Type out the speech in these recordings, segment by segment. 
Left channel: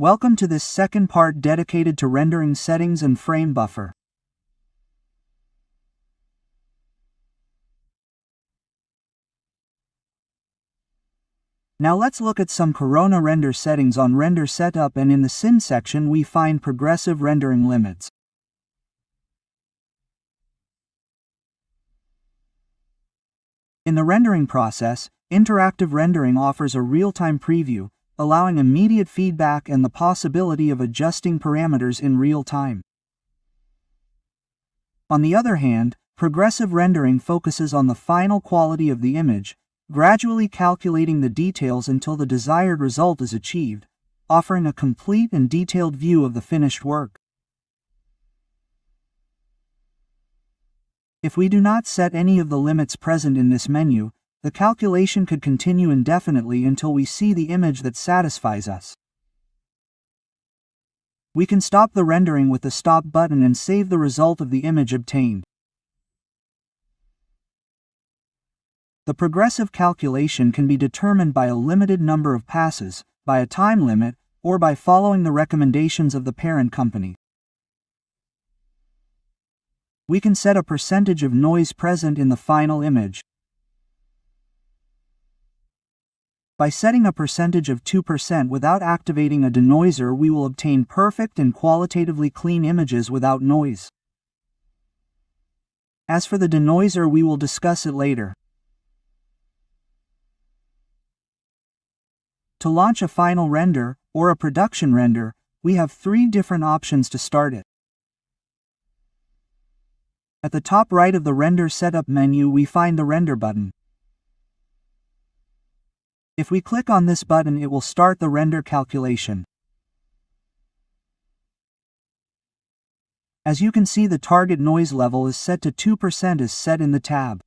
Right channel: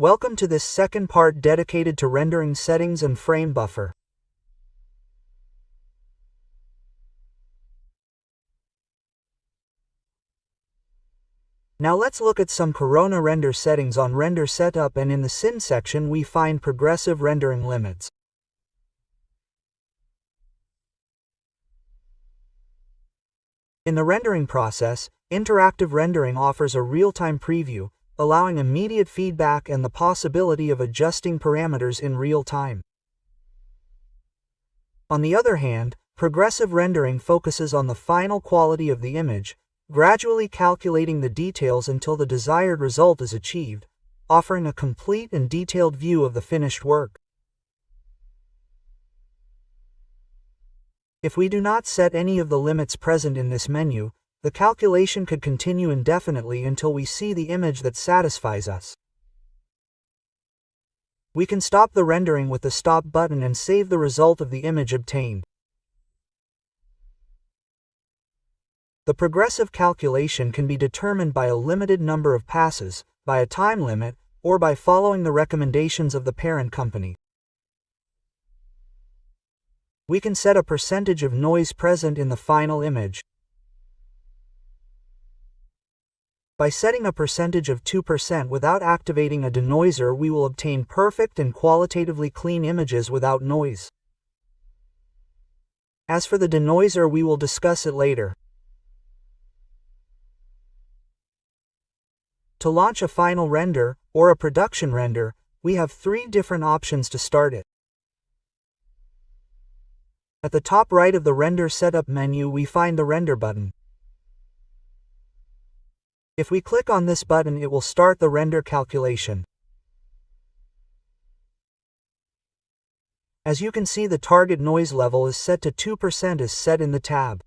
Welcome to this second part dedicated to rendering settings and frame buffer. Now let's look at some Corona render settings on Render Setup, and in the Scene section we find progressive rendering limits. In the rendering process, interactive rendering offers a real-time preview, allowing immediate feedback and the possibility of adjusting parameters in real time. On the other hand, progressive rendering focuses on the final quality of the image, gradually calculating the details until the desired result is achieved, offering a complete and detailed view of the finished work. If we do not set any of the limits present in this menu, the calculation could continue indefinitely until we see the image that satisfies us. We can stop the rendering with the Stop button and save the result of the image obtained. The progressive calculation can be determined by a limited number of passes, by a time limit, or by following the recommendations of the parent company. We can set a percentage of noise present in the final image. By setting a percentage of 2% without activating a denoiser, we will obtain perfect and qualitatively clean images without noise. As for the denoiser, we will discuss it later. To launch a final render, or a production render, we have 3 different options to start it. At the top right of the Render Setup menu we find the Render button. If we click on this button, it will start the render calculation. As you can see, the target noise level is set to 2% as set in the tab.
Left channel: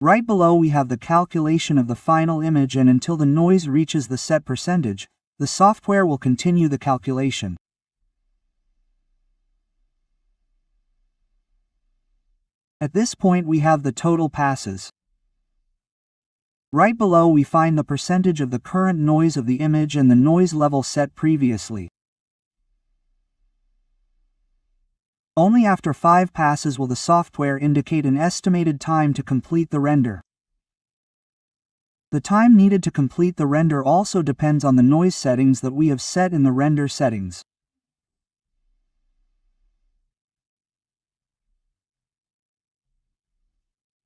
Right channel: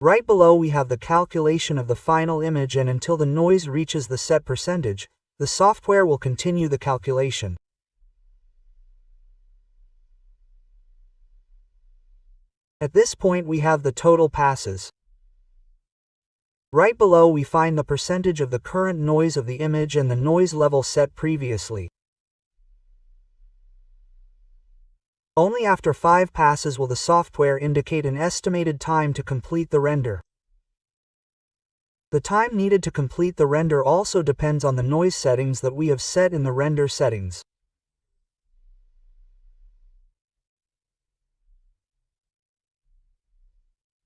Right below we have the calculation of the final image, and until the noise reaches the set percentage, the software will continue the calculation. At this point we have the total passes. Right below we find the percentage of the current noise of the image and the noise level set previously. Only after 5 passes will the software indicate an estimated time to complete the render. The time needed to complete the render also depends on the noise settings that we have set in the render settings.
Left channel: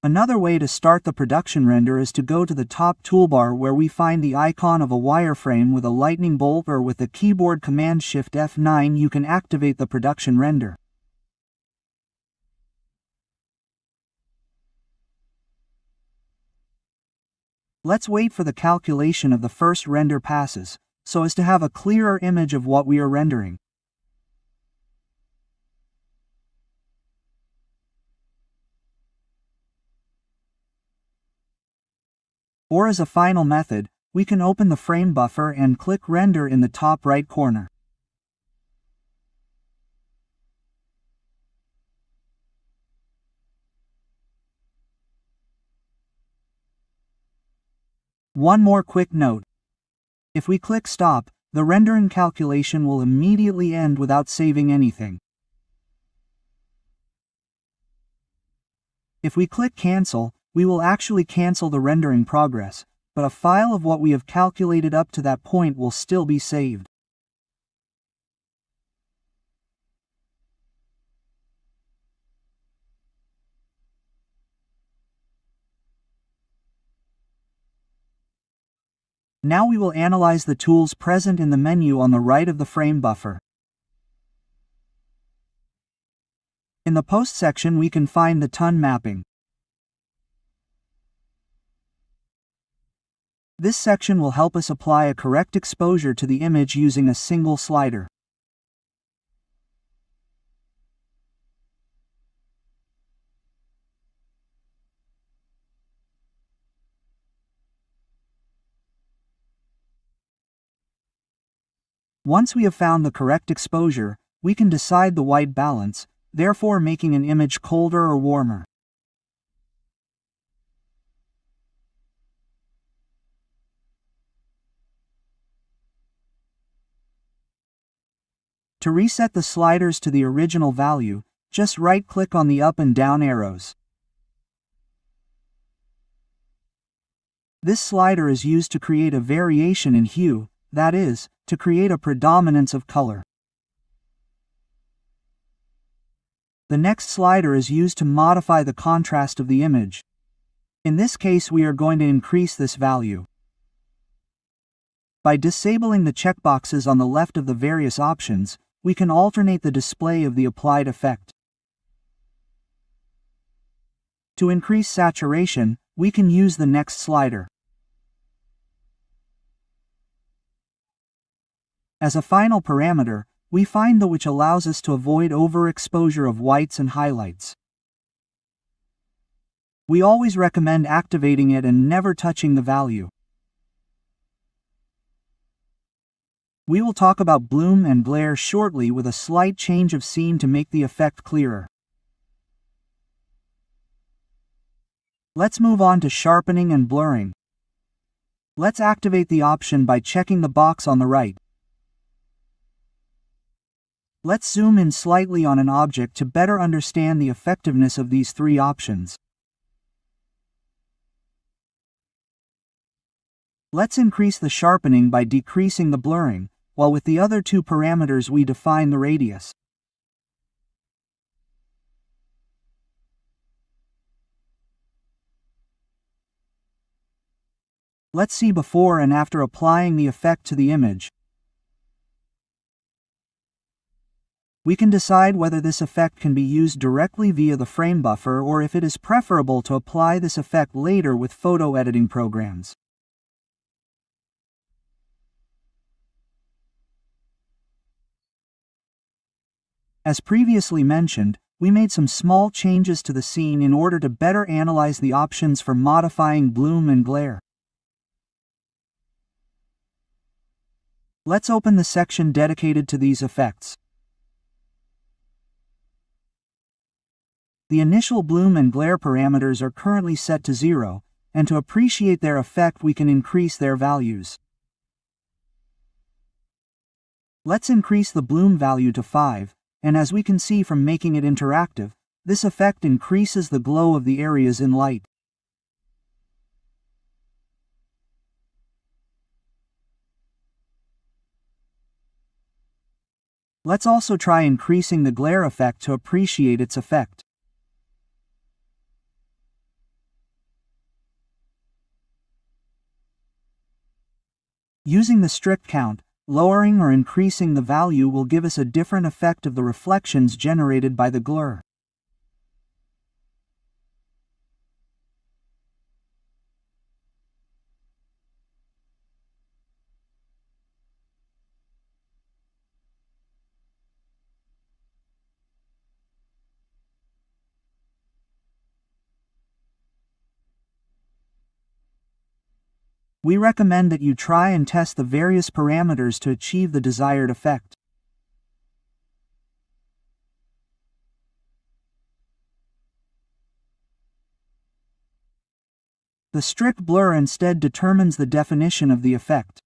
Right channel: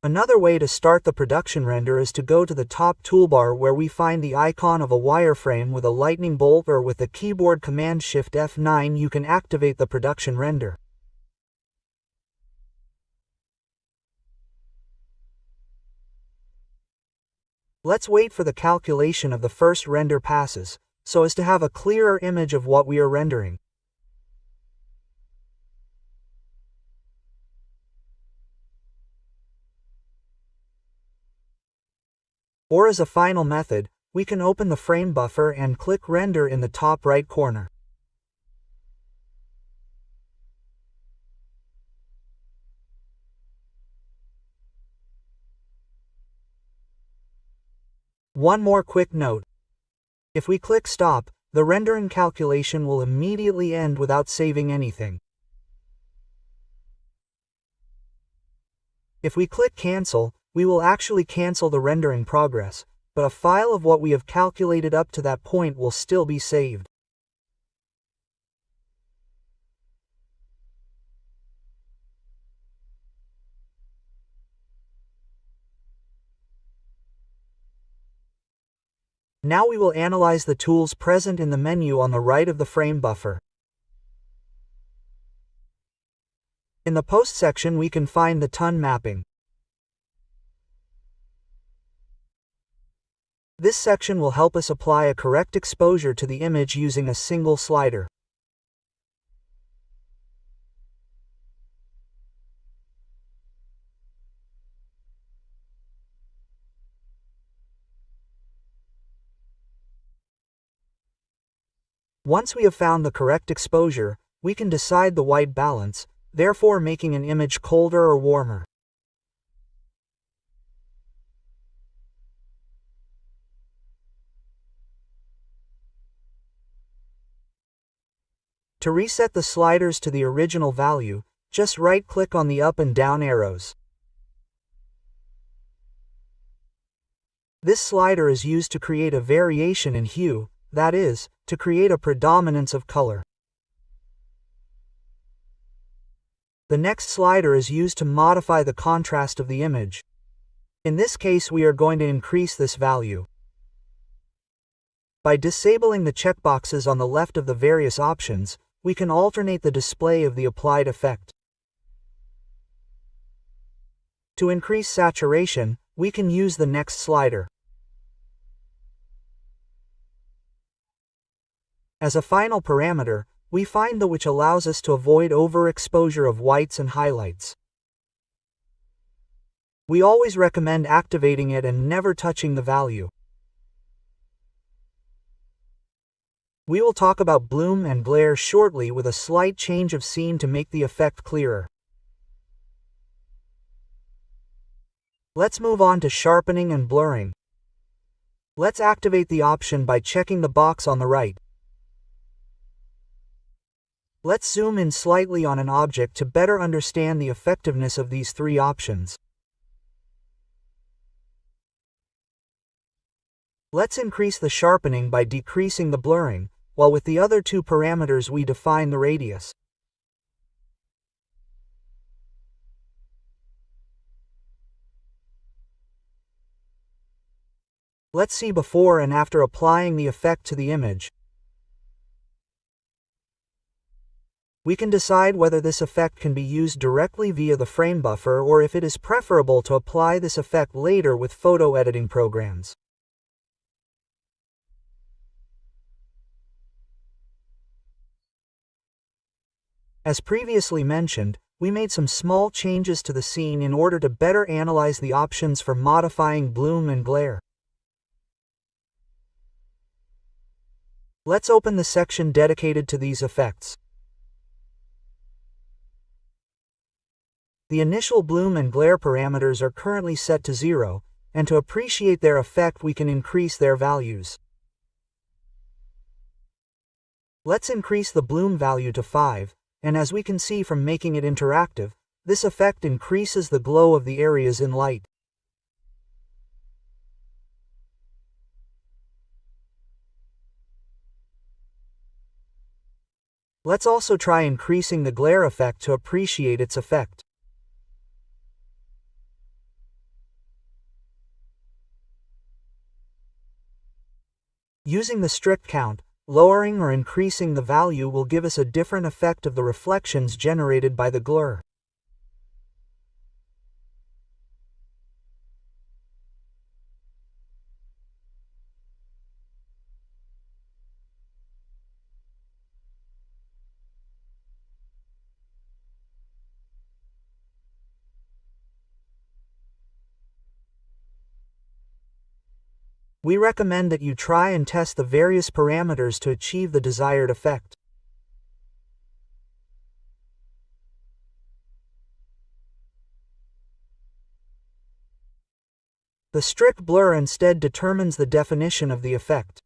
Another way to start the production render is to go to the top toolbar where we find the icon of a wireframe with a lightning bolt, or with the keyboard command Shift F9 you can activate the production render. Let's wait for the calculation of the first render passes, so as to have a clearer image of what we are rendering. Or as a final method, we can open the frame buffer and click Render in the top right corner. One more quick note. If we click Stop, the rendering calculation will immediately end without saving anything. If we click Cancel, we will actually cancel the rendering progress, but a file of what we have calculated up to that point will still be saved. Now we will analyze the tools present in the menu on the right of the frame buffer. In the Post section we can find the tone mapping. This section will help us apply a correct exposure to the image using a single slider. Once we have found the correct exposure, we can decide the white balance, therefore making an image colder or warmer. To reset the sliders to the original value, just right-click on the up and down arrows. This slider is used to create a variation in hue, that is, to create a predominance of color. The next slider is used to modify the contrast of the image. In this case, we are going to increase this value. By disabling the checkboxes on the left of the various options, we can alternate the display of the applied effect. To increase saturation, we can use the next slider. As a final parameter, we find the which allows us to avoid overexposure of whites and highlights. We always recommend activating it and never touching the value. We will talk about bloom and glare shortly with a slight change of scene to make the effect clearer. Let's move on to sharpening and blurring. Let's activate the option by checking the box on the right. Let's zoom in slightly on an object to better understand the effectiveness of these three options. Let's increase the sharpening by decreasing the blurring, while with the other two parameters we define the radius. Let's see before and after applying the effect to the image. We can decide whether this effect can be used directly via the frame buffer or if it is preferable to apply this effect later with photo editing programs. As previously mentioned, we made some small changes to the scene in order to better analyze the options for modifying bloom and glare. Let's open the section dedicated to these effects. The initial bloom and glare parameters are currently set to 0, and to appreciate their effect we can increase their values. Let's increase the bloom value to 5, and as we can see from making it interactive, this effect increases the glow of the areas in light. Let's also try increasing the glare effect to appreciate its effect. Using the strict count, lowering or increasing the value will give us a different effect of the reflections generated by the glare. We recommend that you try and test the various parameters to achieve the desired effect. The strict blur instead determines the definition of the effect.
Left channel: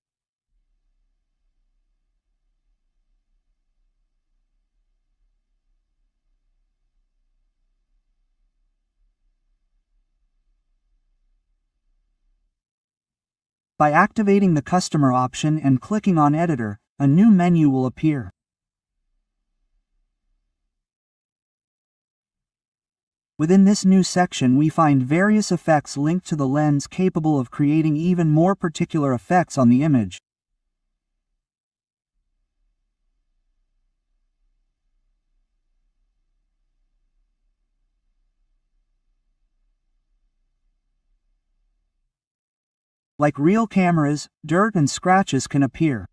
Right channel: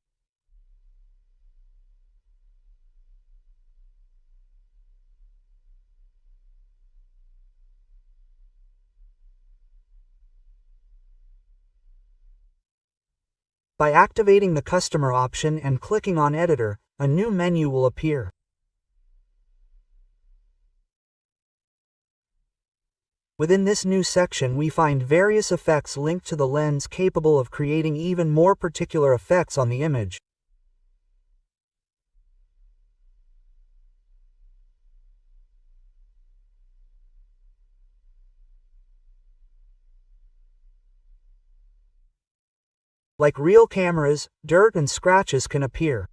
By activating the Customer option and clicking on Editor, a new menu will appear. Within this new section we find various effects linked to the lens capable of creating even more particular effects on the image. Like real cameras, dirt and scratches can appear.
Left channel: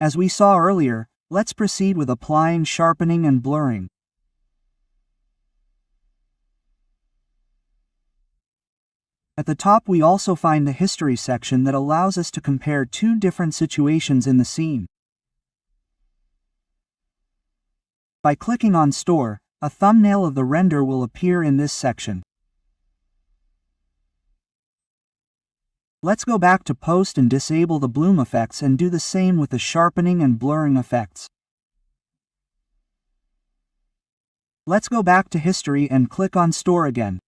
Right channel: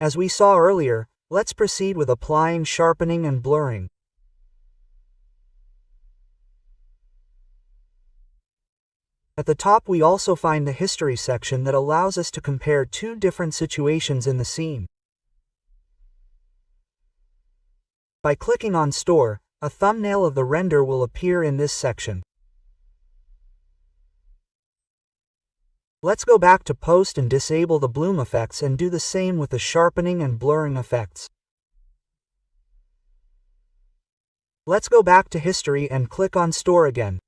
As we saw earlier, let's proceed with applying sharpening and blurring. At the top we also find the history section that allows us to compare two different situations in the scene. By clicking on Store, a thumbnail of the render will appear in this section. Let's go back to Post and disable the bloom effects and do the same with the sharpening and blurring effects. Let's go back to History and click on Store again.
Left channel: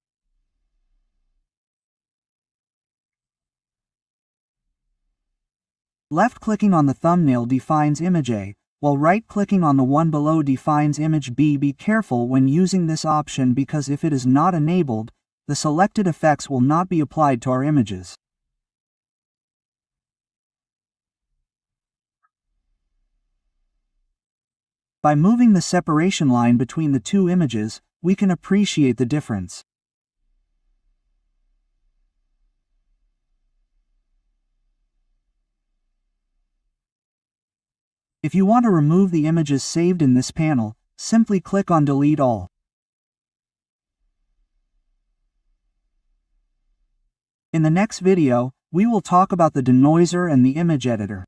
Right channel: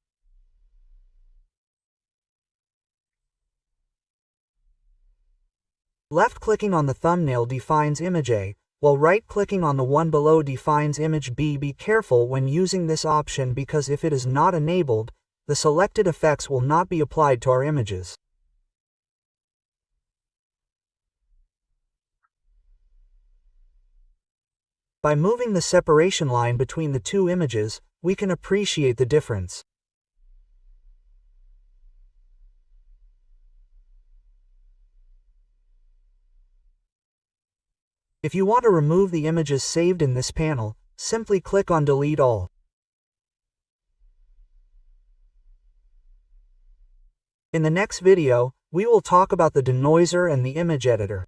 Left-clicking on the thumbnail defines image A, while right-clicking on the one below defines image B. Be careful when using this option because if it is not enabled, the selected effects will not be applied to our images. By moving the separation line between the two images, we can appreciate the difference. If you want to remove the images saved in this panel, simply click on Delete All. In the next video, we will talk about the denoiser and the image editor.